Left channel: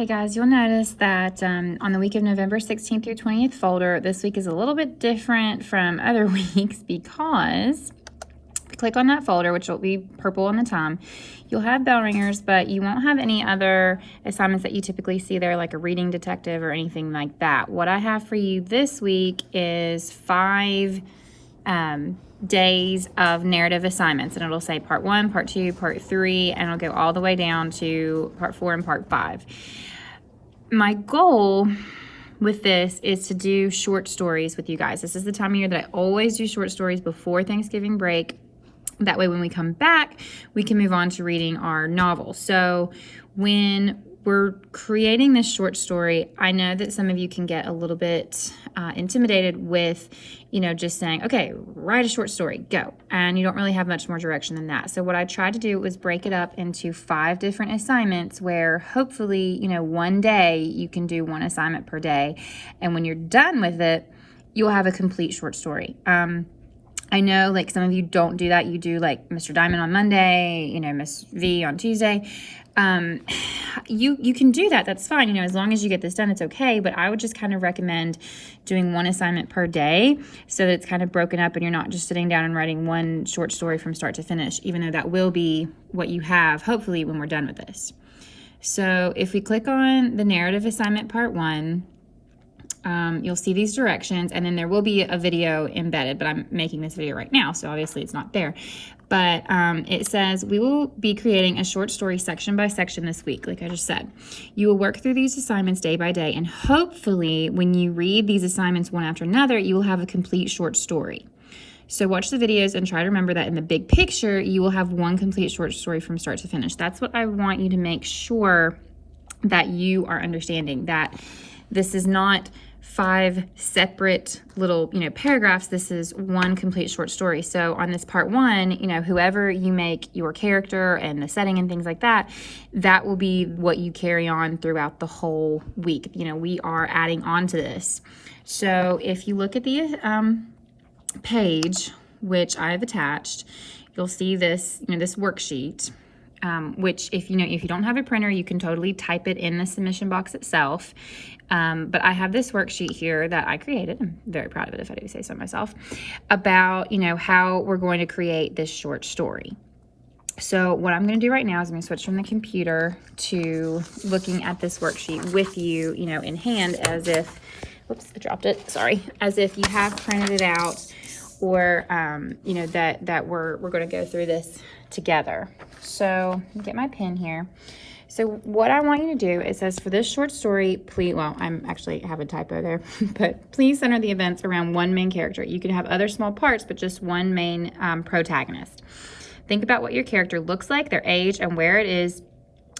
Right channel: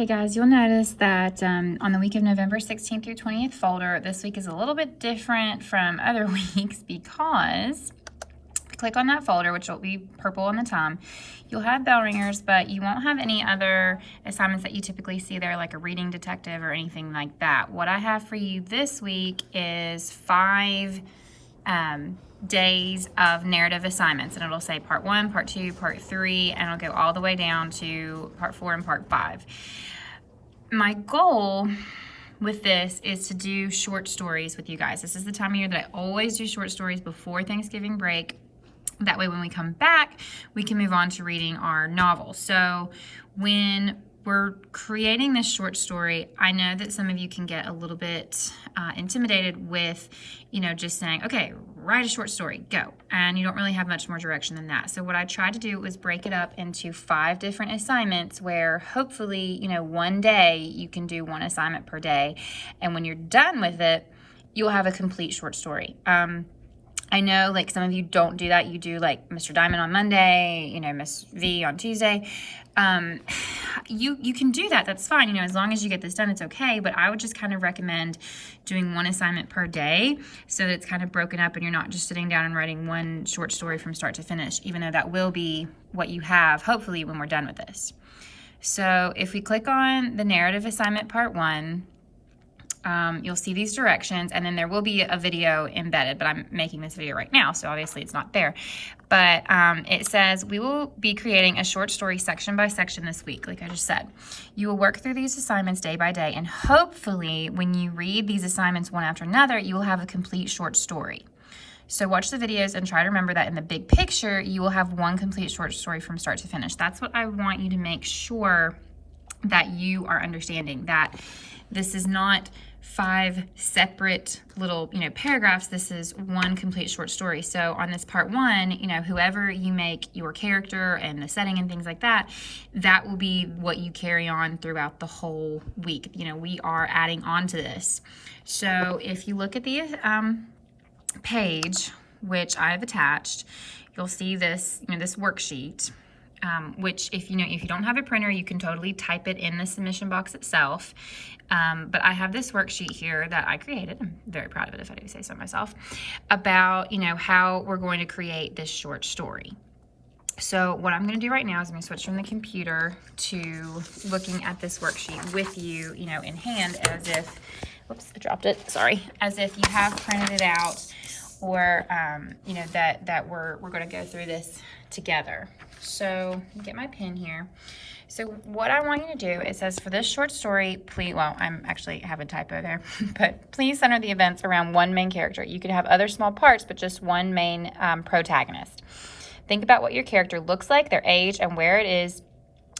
Okay guys, you'll notice that on the week of November 16th through 20th folder, this week is a little bit different from other weeks because if you click on that folder, which will be purple on the time, you'll have bell ringers, but you won't have any other assignments that you typically see there, like a reading detective or anything like that. What I have for you this week is 5 days of narrative assignments, and it'll say part 1, part 2, part 3, and it'll go all the way down to part 4 and part 5. My goal with this is to do short stories with you guys. This is the time of year that I always do short stories before Thanksgiving break. That way when we come back, we can move on to reading our novel. So when we're creating this short story, I know that some of you can get a little bit intimidated with, just saying, okay, write a short story, go. And you don't really have much more direction than that. So what I tried to do was break it up into 5 different assignments where hopefully, one day you can do 1 assignment per day. And when you're done with it, you'll have a complete short story. I know like some of you don't do that. You do like Mr. Diamond on Monday, Miss V on Tuesday. You can do that. That's fine. As long as you get this done, it's okay. But I would just kind of recommend doing 1 assignment per day so that it's kind of broken up and you're not just sitting down and writing 1 short story from start to finish, even though that will be what you have, hopefully, when we're done with this. So if we click on the narrative assignment part 1, you'll see these directions, and then there will be a video embedded, but I'm making this video right now, so obviously it's not there. But it says, we will be creating a short story section by section this week, like I just said. You will work through these assignments day by day, and hopefully when you read these assignments one after another, you will have a complete short story. So watch the videos and try to remember that in the big picture, you will have 1 complete short story from start to finish. That's what I want you to make sure that you are understanding, that this is not 5 separate little, paragraphs. This is 1 complete short story. So on this part 1, whoever you make your character and the setting and things like that, that will be what you carry on throughout the whole week. We are adding on to this. So if you look at the page, which I've attached, you'll see this, this worksheet. Which if you don't have a printer, you can totally type it in the submission box itself. But I have this worksheet here that I created. I'm very proud of it, if I do say so myself, about, how we're going to create this short story. So what I'm going to do right now is I'm going to switch from the computer to looking at this worksheet with you, in hand, as if, whoops, I dropped it, sorry, as if you have printed it out, or, that we're going to go through this together. So get my pen here. So what I want you to do, it says for this short story, please, well, I'm actually have a typo there, but please center the events around 1 main character. You could have other small parts, but just 1 main protagonist. Think about what your character looks like, their age, and where it is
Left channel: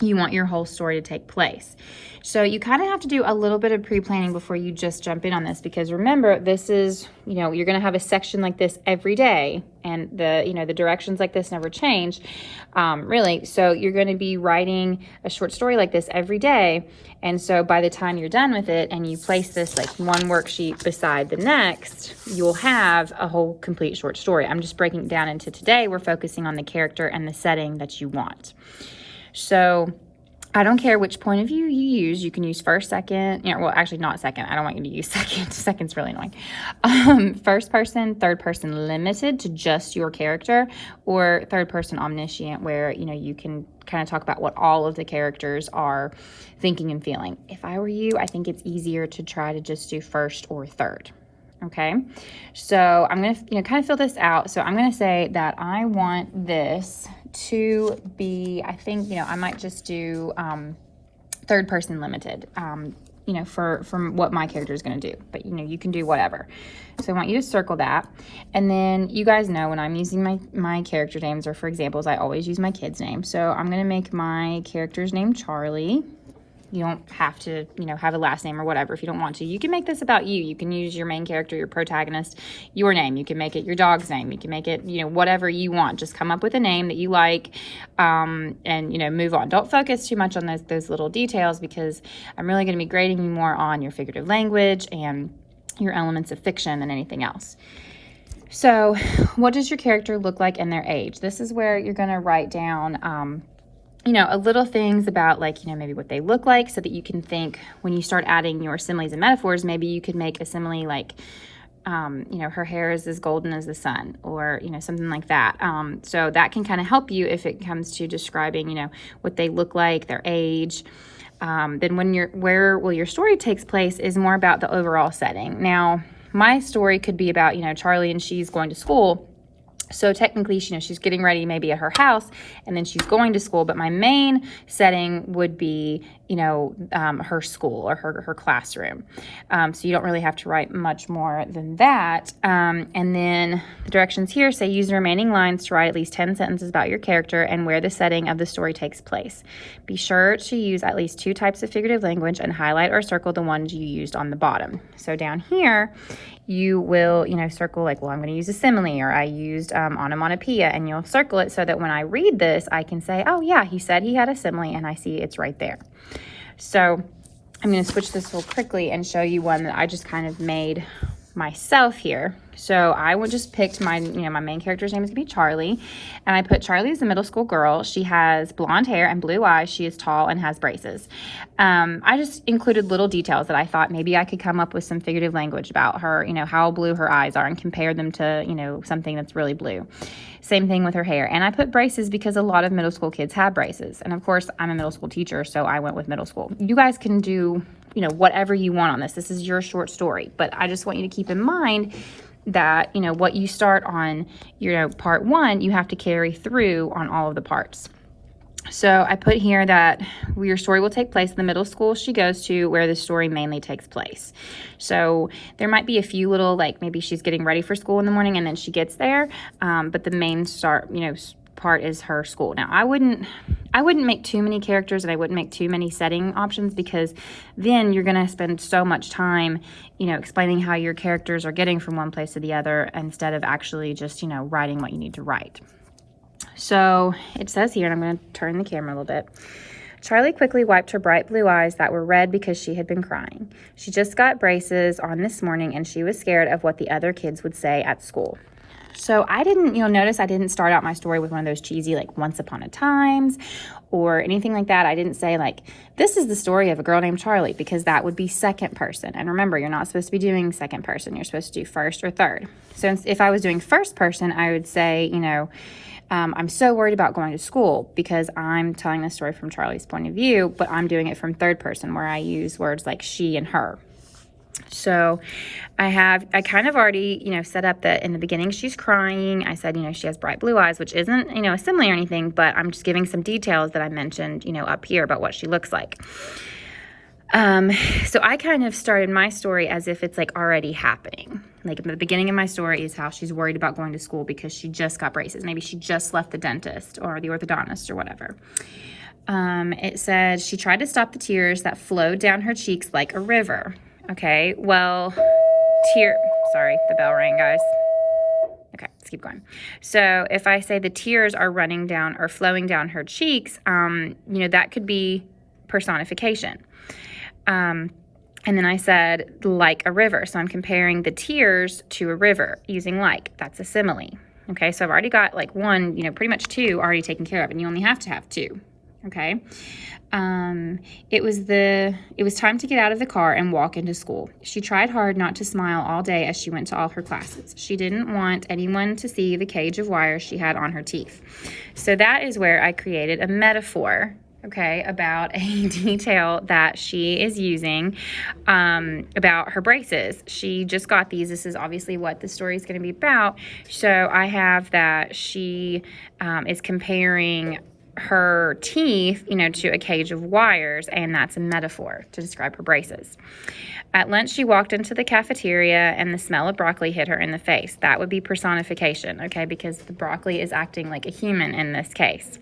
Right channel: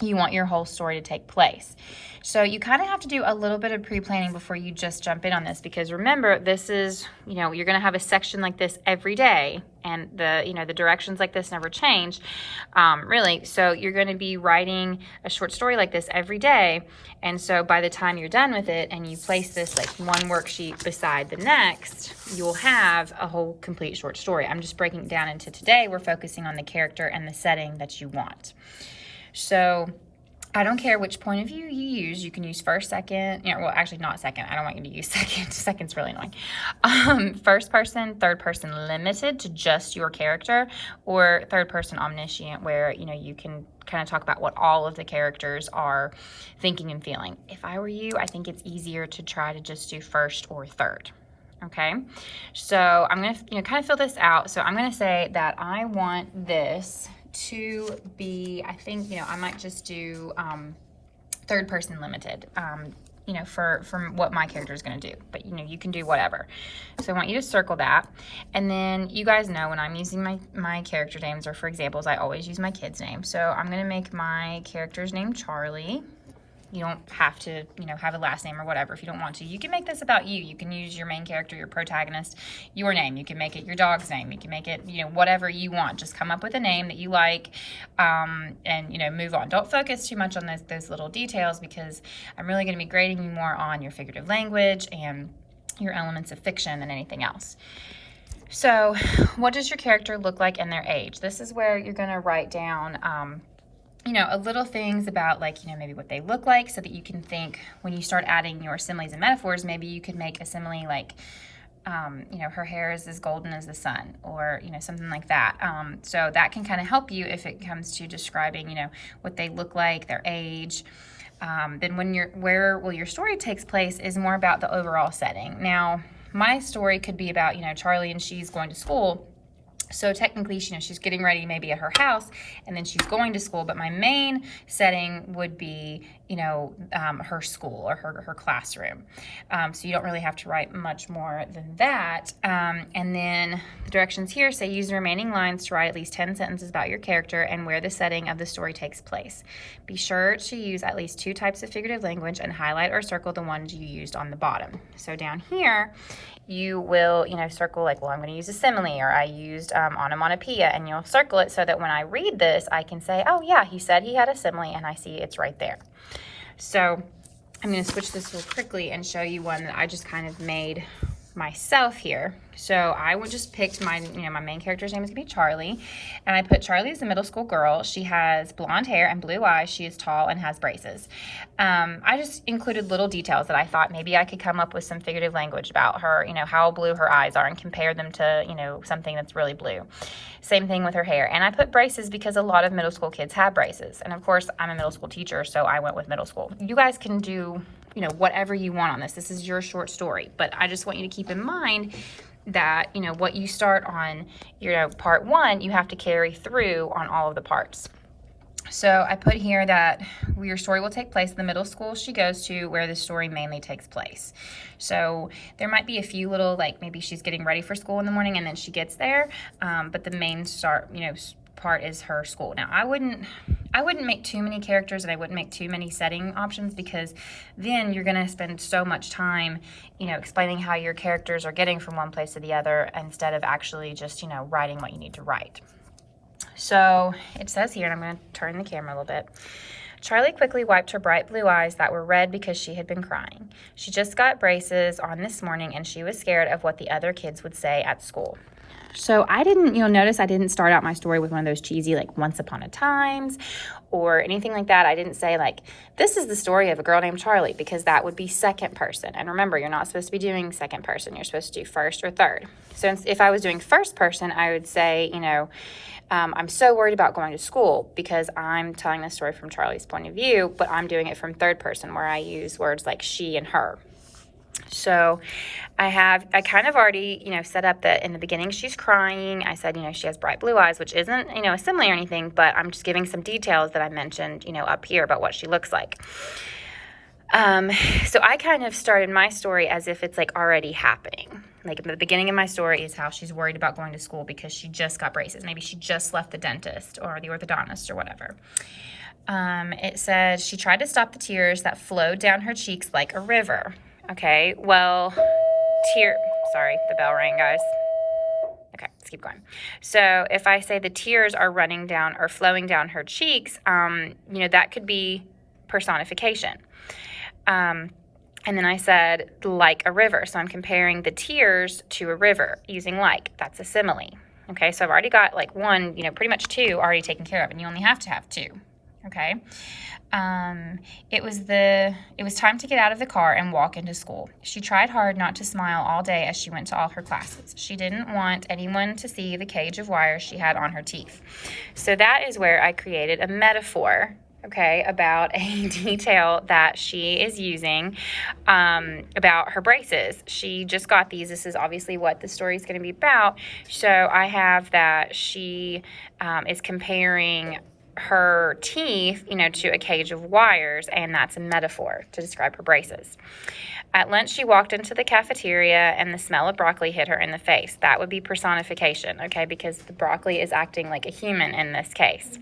you want your whole story to take place. So you kind of have to do a little bit of pre-planning before you just jump in on this, because remember, this is, you're going to have a section like this every day, and the directions like this never change, really. So you're going to be writing a short story like this every day. And so by the time you're done with it and you place this like 1 worksheet beside the next, you'll have a whole complete short story. I'm just breaking it down into today. We're focusing on the character and the setting that you want. So I don't care which point of view you use. You can use first, second, well, actually not second. I don't want you to use second. Second's really annoying. First person, third person limited to just your character, or third person omniscient, where, you can kind of talk about what all of the characters are thinking and feeling. If I were you, I think it's easier to try to just do first or third. Okay, so I'm going to, kind of fill this out. So I'm going to say that I want this to be, I think, I might just do third person limited, for what my character is going to do. But, you can do whatever. So I want you to circle that. And then you guys know when I'm using my character names, or for examples, I always use my kid's name. So I'm going to make my character's name Charlie. You don't have to, have a last name or whatever if you don't want to. You can make this about you. You can use your main character, your protagonist, your name. You can make it your dog's name. You can make it, whatever you want. Just come up with a name that you like, and, move on. Don't focus too much on those little details, because I'm really going to be grading you more on your figurative language and your elements of fiction than anything else. So what does your character look like in their age? This is where you're going to write down little things about like, maybe what they look like, so that you can think when you start adding your similes and metaphors, maybe you could make a simile like, her hair is as golden as the sun, or, something like that. So that can kind of help you if it comes to describing, what they look like, their age. Then where will your story takes place is more about the overall setting. Now, my story could be about, Charlie and she's going to school. So technically, she's getting ready maybe at her house, and then she's going to school. But my main setting would be, her school or her classroom. So you don't really have to write much more than that. And then the directions here say use the remaining lines to write at least 10 sentences about your character and where the setting of the story takes place. Be sure to use at least 2 types of figurative language and highlight or circle the ones you used on the bottom. So down here, you will, circle like, well, I'm going to use a simile, or I used onomatopoeia, and you'll circle it so that when I read this, I can say, oh yeah, he said he had a simile, and I see it's right there. So I'm going to switch this real quickly and show you one that I just kind of made myself here. So I would just picked my main character's name is going to be Charlie, and I put Charlie as a middle school girl. She has blonde hair and blue eyes. She is tall and has braces. I just included little details that I thought maybe I could come up with some figurative language about her, how blue her eyes are, and compare them to, something that's really blue. Same thing with her hair. And I put braces because a lot of middle school kids have braces. And of course, I'm a middle school teacher, so I went with middle school. You guys can do, whatever you want on this. This is your short story, but I just want you to keep in mind that, what you start on, part 1, you have to carry through on all of the parts. So I put here that your story will take place in the middle school she goes to, where the story mainly takes place. So there might be a few little, like maybe she's getting ready for school in the morning and then she gets there, but the main part is her school. Now, I wouldn't make too many characters, and I wouldn't make too many setting options, because then you're going to spend so much time, explaining how your characters are getting from one place to the other, instead of actually just, writing what you need to write. So it says here, and I'm going to turn the camera a little bit. Charlie quickly wiped her bright blue eyes that were red because she had been crying. She just got braces on this morning, and she was scared of what the other kids would say at school. So I didn't, notice I didn't start out my story with one of those cheesy, like, once upon a times or anything like that. I didn't say, like, this is the story of a girl named Charlie, because that would be second person. And remember, you're not supposed to be doing second person. You're supposed to do first or third. So if I was doing first person, I would say, I'm so worried about going to school, because I'm telling the story from Charlie's point of view, but I'm doing it from third person, where I use words like she and her. So I kind of already, set up that in the beginning she's crying. I said, she has bright blue eyes, which isn't, a simile or anything, but I'm just giving some details that I mentioned, up here about what she looks like. So I kind of started my story as if it's like already happening. Like, the beginning of my story is how she's worried about going to school because she just got braces. Maybe she just left the dentist or the orthodontist or whatever. It says she tried to stop the tears that flowed down her cheeks like a river. Okay, well, sorry, the bell rang, guys. Okay, let's keep going. So if I say the tears are running down or flowing down her cheeks, that could be personification. And then I said like a river. So I'm comparing the tears to a river using like. That's a simile. Okay, so I've already got like one, pretty much 2 already taken care of, and you only have to have 2. Okay. It was time to get out of the car and walk into school. She tried hard not to smile all day as she went to all her classes. She didn't want anyone to see the cage of wires she had on her teeth. So that is where I created a metaphor, okay, about a detail that she is using, about her braces. She just got these. This is obviously what the story is going to be about. So I have that she is comparing her teeth, to a cage of wires, and that's a metaphor to describe her braces. At lunch, she walked into the cafeteria and the smell of broccoli hit her in the face. That would be personification, okay, because the broccoli is acting like a human in this case.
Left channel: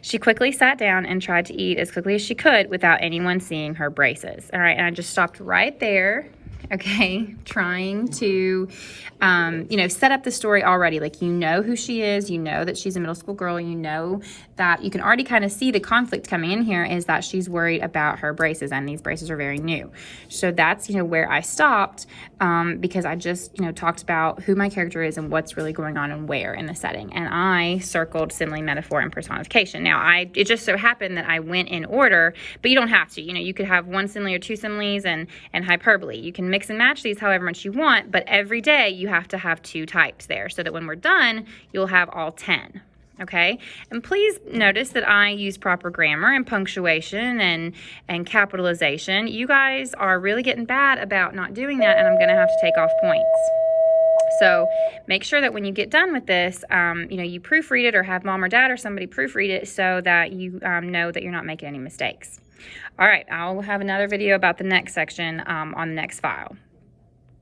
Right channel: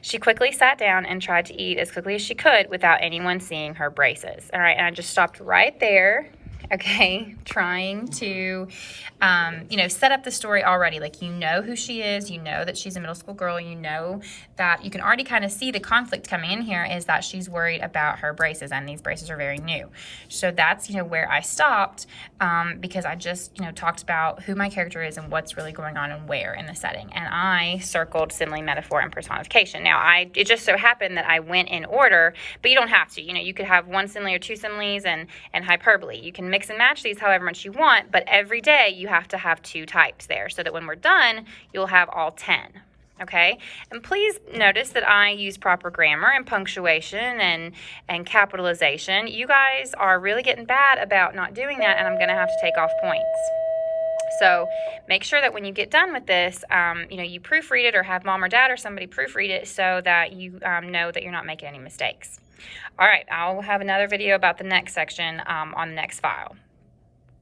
She quickly sat down and tried to eat as quickly as she could without anyone seeing her braces. All right, and I just stopped right there. okay, trying to, you know, set up the story already. Like, you know who she is, you know that she's a middle school girl, you know that you can already kind of see the conflict coming in here is that she's worried about her braces, and these braces are very new. So that's, you know, where I stopped, because I just, you know, talked about who my character is and what's really going on and where in the setting. And I circled simile, metaphor, and personification. Now, it just so happened that I went in order, but you don't have to. You know, you could have one simile or two similes and hyperbole. You can mix and match these however much you want, but every day you have to have 2 types there so that when we're done, you'll have all 10. Okay, and please notice that I use proper grammar and punctuation and capitalization. You guys are really getting bad about not doing that, and I'm going to have to take off points. So make sure that when you get done with this, you know, you proofread it or have mom or dad or somebody proofread it so that you know that you're not making any mistakes. All right, I'll have another video about the next section on the next file.